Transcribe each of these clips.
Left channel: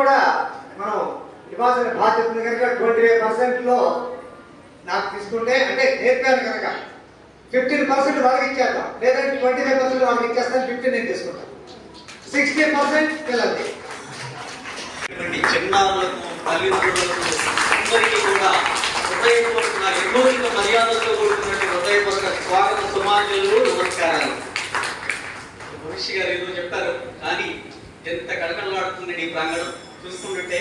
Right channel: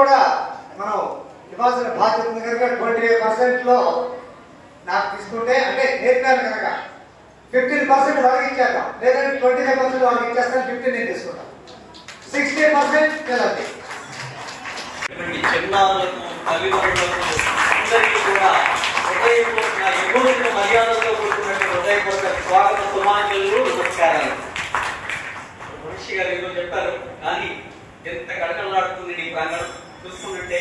కూడా మనం ఇవ్వాల్సిన బాధ్యత ఉంది కనుక 25%లో నాకు తీసుకుంటే అంటే నేర్పాను కనుక 15% వాళ్ళకి ఇచ్చేద్దాం, లేదంటే 25% వాళ్ళకి ఇచ్చేస్తాను, 15 నేను తీసుకుంటాను, 60% పిల్లలకి. చిన్నారులకు తల్లిదండ్రులకు అందరికీ కూడా హృదయపూర్వక ఎన్నోసిన మర్యాదలతో కూడుకున్నటువంటి హృదయపూర్వక స్వాగత సుమాంజలు, నమస్కారాలు. మనిషి గారు ఏదో చెప్పారు, కానీ ఎంత కడకలాడుతుంది ఈ ప్రాంగణం చూసుకుంటుంటే.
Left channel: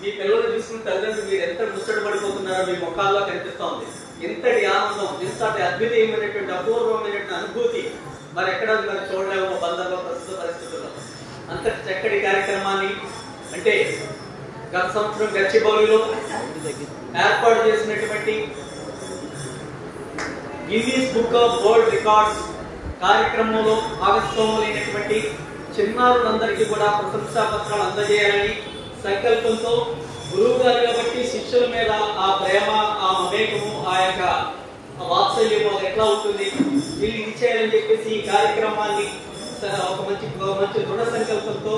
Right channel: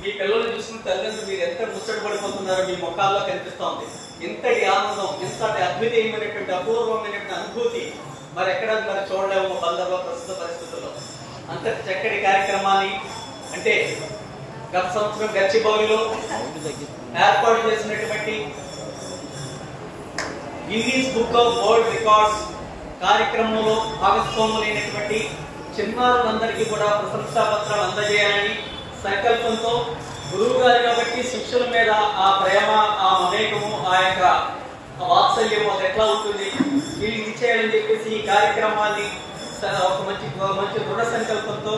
మీ పిల్లలు చూసుకున్న తల్లిదండ్రులు మీరు ఎంత ముచ్చట పడిపోతున్నారో మీ ముఖాల్లో కనిపిస్తోంది. ఇంతటి ఆనందం, ఇంతటి అద్వితీయమైనటువంటి అపూర్వమైనటువంటి అనుభూతి మరి ఎక్కడ మరి చూడలేము బందర్లో ప్రస్తుత పరిస్థితుల్లో. అంతటి చక్కటి కార్యక్రమాన్ని అంటే గత సంవత్సరం గచ్చిబౌలిలో ఏర్పాటు చేసినటువంటి Guinness book of world records కార్యక్రమంలో భాగస్వాములైనటువంటి చిన్నారులందరికీ కూడా ప్రశంసా పత్రాలు అందజేయాలని సంకల్పంతో గురువు గారి కాబట్టి శిష్యుల మీద ఆ ప్రేమ, ఆ మమేకము, ఆ యొక్క వాత్సల్యము అది ఎట్లా ఉంటుంది వీళ్ళు ఇచ్చేయాలని చెప్పేసి ఈ కార్యక్రమాన్ని ఒక మంచి దృఢ సంకల్పంతో,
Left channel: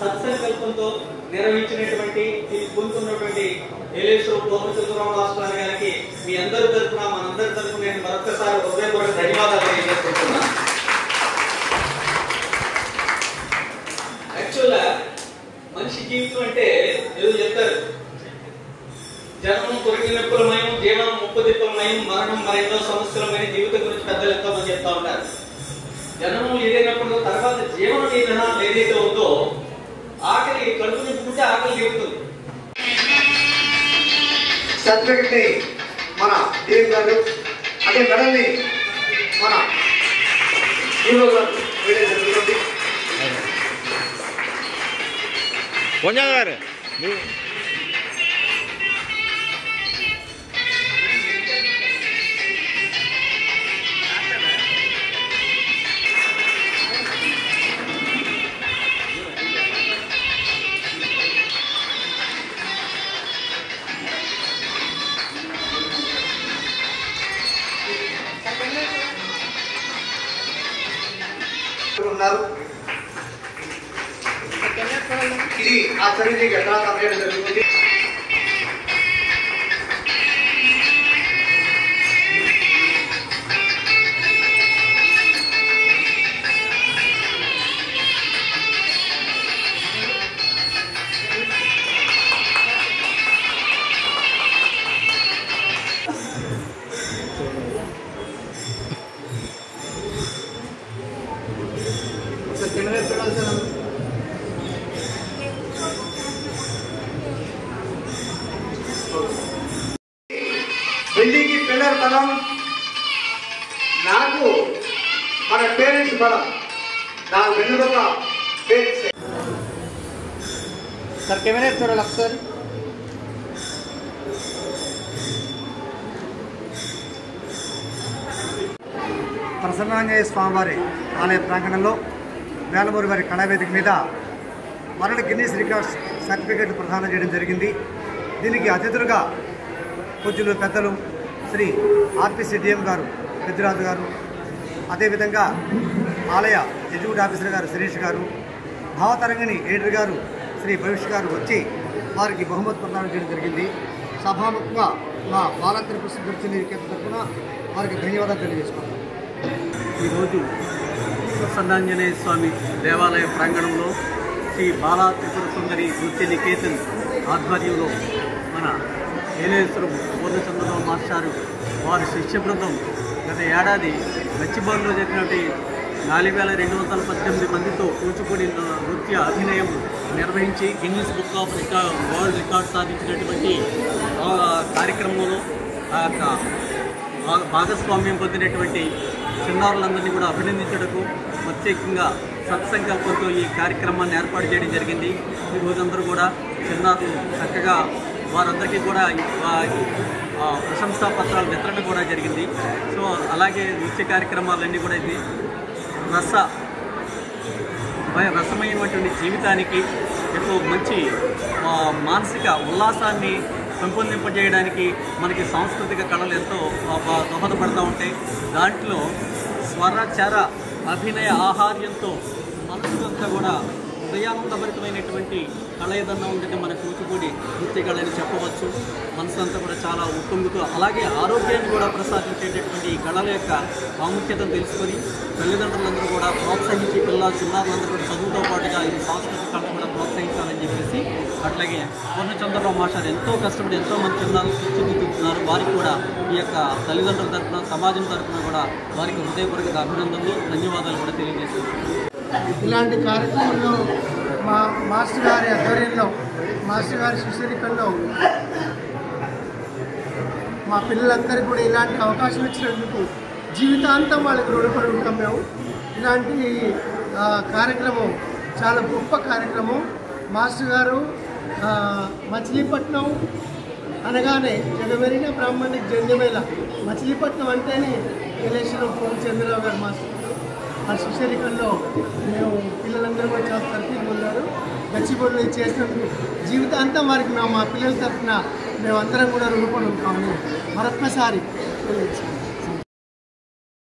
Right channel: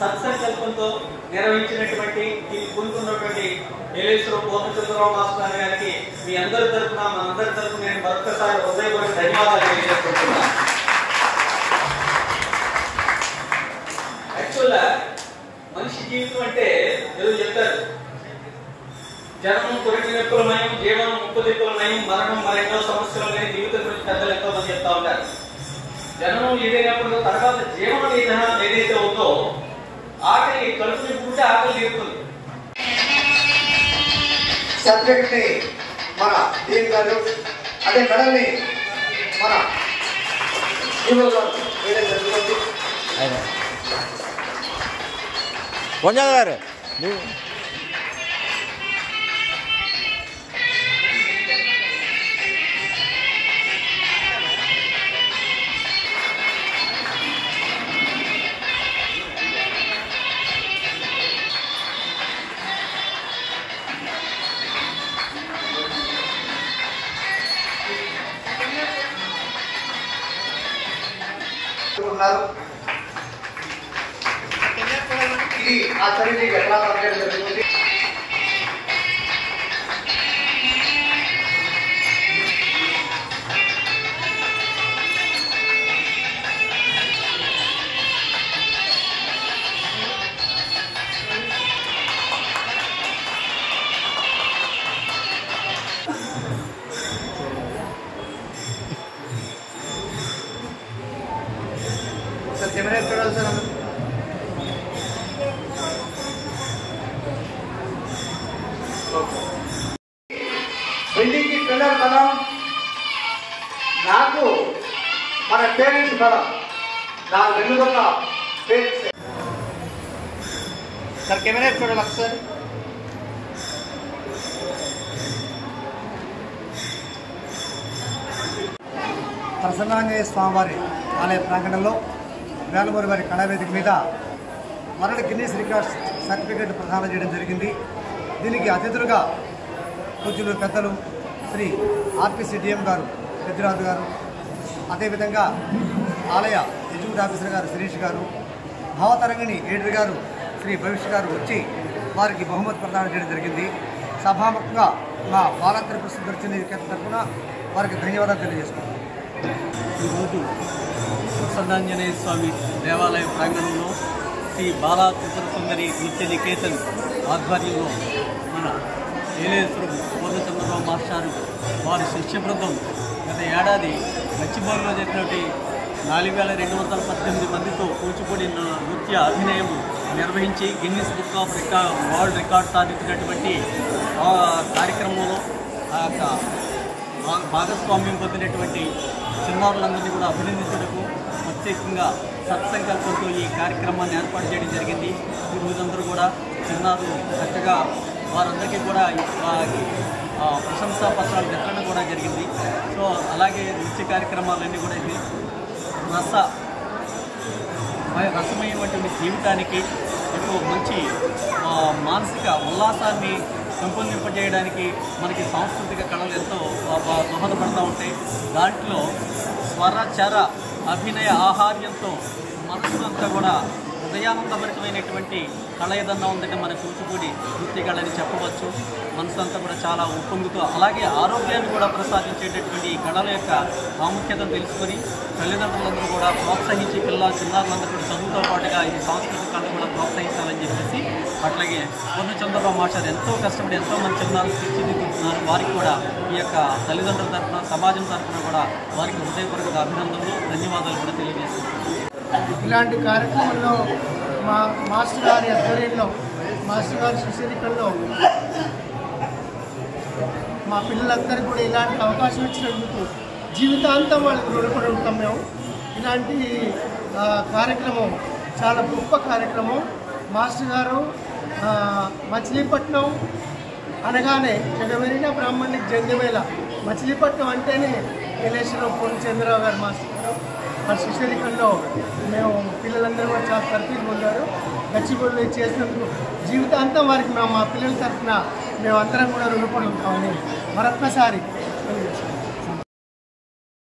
సత్సంకల్పంతో నిర్వహించినటువంటి పూనుకున్నటువంటి ఏలేశ్వర పూర్ణచంద్రరావు మాస్టర్ గారికి మీ అందరి తరఫున, మనందరి తరఫున నేను మరొకసారి హృదయపూర్వక ధన్యవాదాలు తెలియజేసుకుంటున్నా. యాక్చువల్గా మనిషి జీవితం అంటే ఏదో చెప్తారు, జనము తొమ్మిది నిప్పులమయం, జీవనం 30 దిక్కులమయం, మరణం మరెన్నో సమస్యలమైన జీవితం గురించి పెద్దలు ఎంతో మంది చెప్తా ఉంటారు. జననం ఏదైనప్పుడు తర్వాత జీవనం ఏదైతే ఉందో ఆకలి కడుపు నింపుకుంటే ఆకలి తీరుతుంది. సర్టిఫికెట్ ని మన డిఎం గారు అదే మెడల్ని మన హీరో గారు వేయడం జరుగుతుంది. గారు ఉన్నారు. ఇది ఆ చర్యకి ఎట్లా కంప్లీట్ జరుగుతుంది. బిల్డింగ్కి పిల్లర్ బలం, నాకు మన పేరెంట్స్ బలం, నా వెన్నుదొక్క పేరెంట్స్. సార్ కెమెరా చూడాలి సార్. ప్రసన్నాంజనేయ స్వామివారి ఆలయ ప్రాంగణంలో వేలమూరి వారి కళావేదిక మీద వరల్డ్ గిన్నీస్ రికార్డ్స్ సర్టిఫికేట్ ప్రదానం చేయడం జరిగింది. దీనికి అతిథులుగా పూజ్యులు పెద్దలు శ్రీ ఆర్పిసి డిఎం గారు పెద్దిరాజు గారు, అదేవిధంగా ఆలయ ఎగ్జిక్యూటివ్ ఆఫీసర్ గారు శిరీష్ గారు, భావతరంగిణి ఎడిటర్ గారు శ్రీ భవిష్య గారు వచ్చి వారికి బహుమతి ప్రదానం చేయడం జరిగింది. సభాముఖంగా మా బాలాంతర ప్రస్తుత దర్శన తరఫున వారికి ధన్యవాదాలు తెలియజేసుకుంటాం. ఈరోజు ప్రసన్నాంజనేయ స్వామి దేవాలయ ప్రాంగణంలో శ్రీ బాలా త్రిపుర సుందరి నృత్య నికేతన్ ఆధ్వర్యంలో మన ఏలేశ్వర పూర్ణచంద్రరావు మాస్టారు వారి శిష్య బృందం గత ఏడాది గచ్చిబౌలిలో జరిగినటువంటి 4218 మందితో కూచిపూడి నృత్య అభినయం నిర్వహించి Guinness book of world record సాధించినటువంటి కార్యక్రమంలో భాగస్వామ్యం పొందినటువంటి చిన్నారులందరినీ కూడా అభినందించడకు ప్రత్యేకంగా సత్సంకల్పంతో ఈ కార్యక్రమాన్ని ఏర్పాటు చేయడం జరిగింది. ఈ రోజందరూ కూడా చిన్నారులు చక్కగా వారందరికీ కూడా ప్రశంసా పత్రాల వితరణ కూడా జరిగింది. సో అలాగే నృత్య కార్యక్రమాలన్నీ కూడా ఇది రసమైనటువంటి జీవితానికి ఎక్కువ మంచి మానసిక ఉల్లాసాన్ని పెంపొందింపజేయడానికి మనకి సాంస్కృతిక కళలు ఎంతో దోహదపడుతూ ఉంటాయి. దాంట్లో స్వర చర అభినయ ఆహార్యంతో మనసు అంతా కూడా హృదయానందభరితమైనటువంటి కళ ఏదన్నా ఉందంటే మన కూచిపూడి నృత్య కళని చెప్పవచ్చు. మనసంతా కూడా చాలా ఉప్పొంగుతూ అలాగే ఆరోగ్యాన్ని కూడా ప్రసాదించేటటువంటి ఈ కళల యొక్క ప్రాముఖ్యతను తెలుసుకొని తల్లిదండ్రులందరూ కూడా ప్రోత్సహించి చిన్నారులందరూ కూడా చదువుతో పాటుగా ఈ సాంస్కృతిక కళను కూడా ప్రోత్సహించాలని చెప్పేసి, అట్లాగే పూర్ణచంద్రరావు మాస్టర్ ఎంతో కష్టపడి ఎంతోమంది చిన్నారులు తీర్చిదిద్దుతున్నారు. వారికి కూడా ఈ యొక్క తల్లిదండ్రుల తరఫున సమాజం తరఫున కూడా వారికి హృదయపూర్వక అభినందనలు ధన్యవాదాలు కూడా తెలియజేస్తున్నాను. ఇలాంటి కార్యక్రమంలో మా మాస్టర్ గారి ఆధ్వర్యంలో మాస్టర్ గారి శిష్యరికల్లో మా పిల్లలందరికీ కూడా ఇలాంటి అవకాశం ఇచ్చినందుకు జీవితాంతం వాళ్ళకి రుణపడి ఉంటాం మేము. ఇలాంటి కార్యక్రమం చాలా గొప్ప కార్యక్రమం. మాస్టర్ గారు మచిలీపట్నం అనగానే జగమెరిన బ్రాహ్మణికి జంగమేళ, మచిలీపట్నం అంటేనే ఎలేశ్వరం పూర్ణచంద్రరావు గారు మాస్టర్ గారు ఆ శిష్యరికంలో మేము పిల్లలందరూ కూడా చాలా తరఫీదు పొందారు. గచ్చిబొళ్ళు చేసినందుకు జీవితాంతం వారికి మేము మా పిల్లల తరఫున మేమందరం కూడా రుణపడి ఉంటాము. మరొక్కసారి